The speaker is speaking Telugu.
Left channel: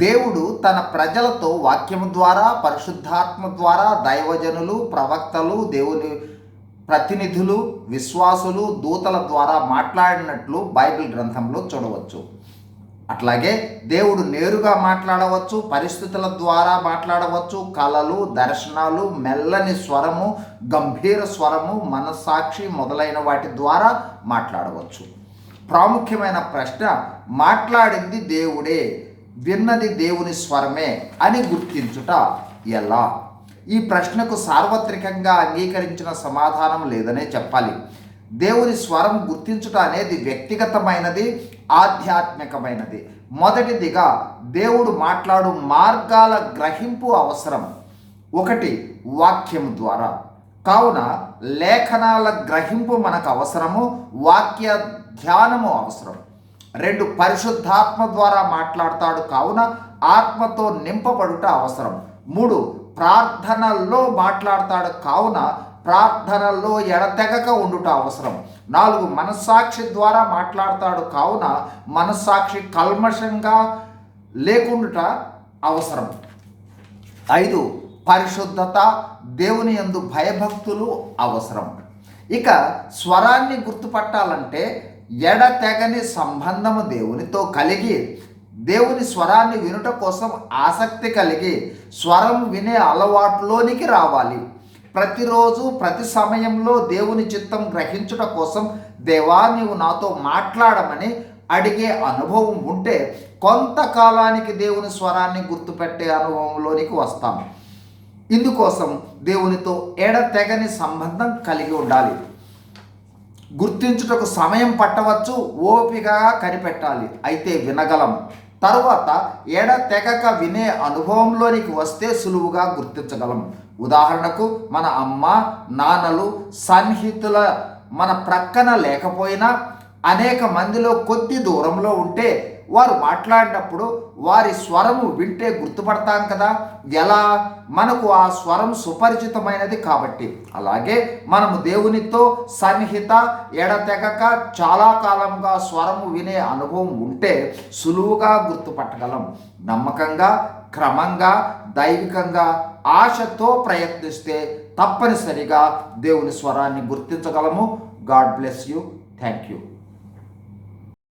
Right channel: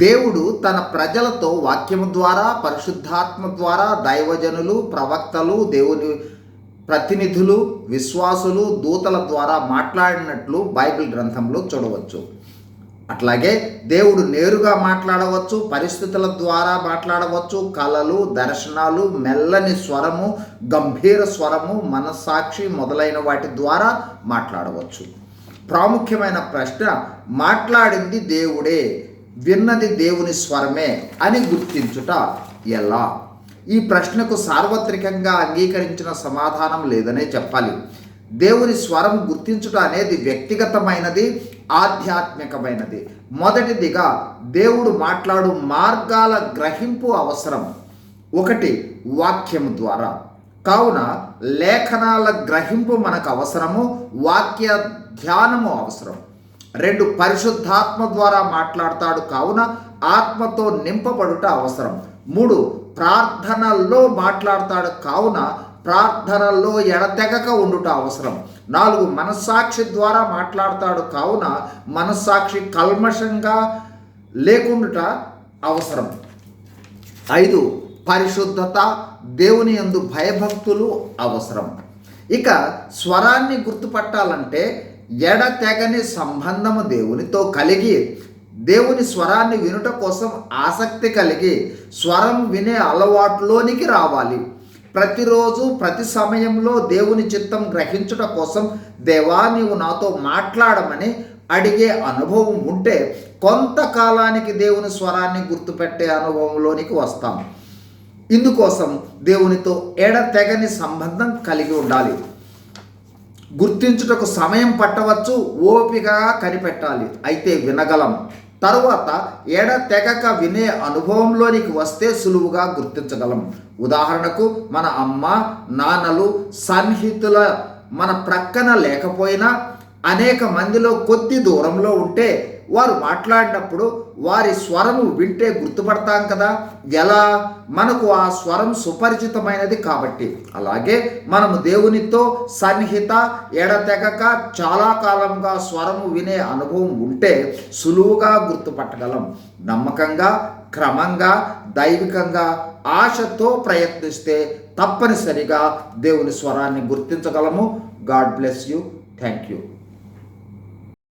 దేవుడు తన ప్రజలతో వాక్యము ద్వారా, పరిశుద్ధాత్మ ద్వారా, దైవజనులు, ప్రవక్తలు, దేవుని ప్రతినిధులు, విశ్వాసులు, దూతల ద్వారా మాట్లాడినట్లు బైబిల్ గ్రంథంలో చూడవచ్చు. అట్లాగే దేవుడు నేరుగా మాట్లాడవచ్చు, పరిస్థితుల ద్వారా మాట్లాడవచ్చు, కళలు, దర్శనాలు, మెల్లని స్వరము, గంభీర స్వరము, మనస్సాక్షి మొదలైన వాటి ద్వారా మాట్లాడవచ్చు. ప్రాముఖ్యమైన ప్రశ్న, మాట్లాడింది దేవుడే, విన్నది దేవుని స్వరమే అని గుర్తించుట ఎలా? ఈ ప్రశ్నకు సార్వత్రికంగా అంగీకరించిన సమాధానం లేదనే చెప్పాలి. దేవుని స్వరం గుర్తించుట అనేది వ్యక్తిగతమైనది, ఆధ్యాత్మికమైనది. మొదటిదిగా దేవుడు మాట్లాడు మార్గాల గ్రహింపు అవసరం. 1, వాక్యము ద్వారా. కావున లేఖనాల గ్రహింపు మనకు అవసరము, వాక్య ధ్యానము అవసరం. 2, పరిశుద్ధాత్మ ద్వారా మాట్లాడతాడు కావున ఆత్మతో నింపబడుట అవసరం. 3, ప్రార్థనల్లో మాట్లాడతాడు కావున ప్రార్థనల్లో ఎడతెగక ఉండుట అవసరం. 4, మనస్సాక్షి ద్వారా మాట్లాడతాడు కావున మనస్సాక్షి కల్మషంగా లేకుండుట అవసరం. 5, పరిశుద్ధత, దేవుని యందు భయభక్తులు అవసరం. ఇక స్వరాన్ని గుర్తుపట్టాలంటే ఎడతెగని సంబంధము దేవునితో కలిగి, దేవుని స్వరాన్ని వినుట కోసం ఆసక్తి కలిగి స్వరం వినే అలవాటులోనికి రావాలి. ప్రతిరోజు ప్రతి సమయంలో దేవుని చిత్తం గ్రహించుట కోసం దేవా నీవు నాతో మాట్లాడమని అడిగే అనుభవం ఉంటే కొంతకాలానికి దేవుని స్వరాన్ని గుర్తుపెట్టే అనుభవంలోనికి వస్తాం. ఇందుకోసం దేవునితో ఎడతెగని సంబంధం కలిగి ఉండాలి. గుర్తించుటకు సమయం పట్టవచ్చు, ఓపికగా కనిపెట్టాలి, అయితే వినగలం. తరువాత ఎడతెగక వినే అనుభవంలోనికి వస్తే సులువుగా గుర్తించగలం. ఉదాహరణకు, మన అమ్మ నాన్నలు సన్నిహితుల మన ప్రక్కన లేకపోయినా అనేక మందిలో కొద్ది దూరంలో ఉంటే వారు మాట్లాడినప్పుడు వారి స్వరము వింటే గుర్తుపడతాం కదా. ఎలా? మనకు ఆ స్వరం సుపరిచితమైనది కాబట్టి. అలాగే మనము దేవునితో సన్నిహిత, ఎడతెగక చాలా కాలంగా స్వరము వినే అనుభవం ఉంటే సులువుగా గుర్తుపట్టగలం. నమ్మకంగా, క్రమంగా, దైవికంగా, ఆశతో ప్రయత్నిస్తే తప్పనిసరిగా దేవుని స్వరాన్ని గుర్తించగలము. God bless you. Thank you.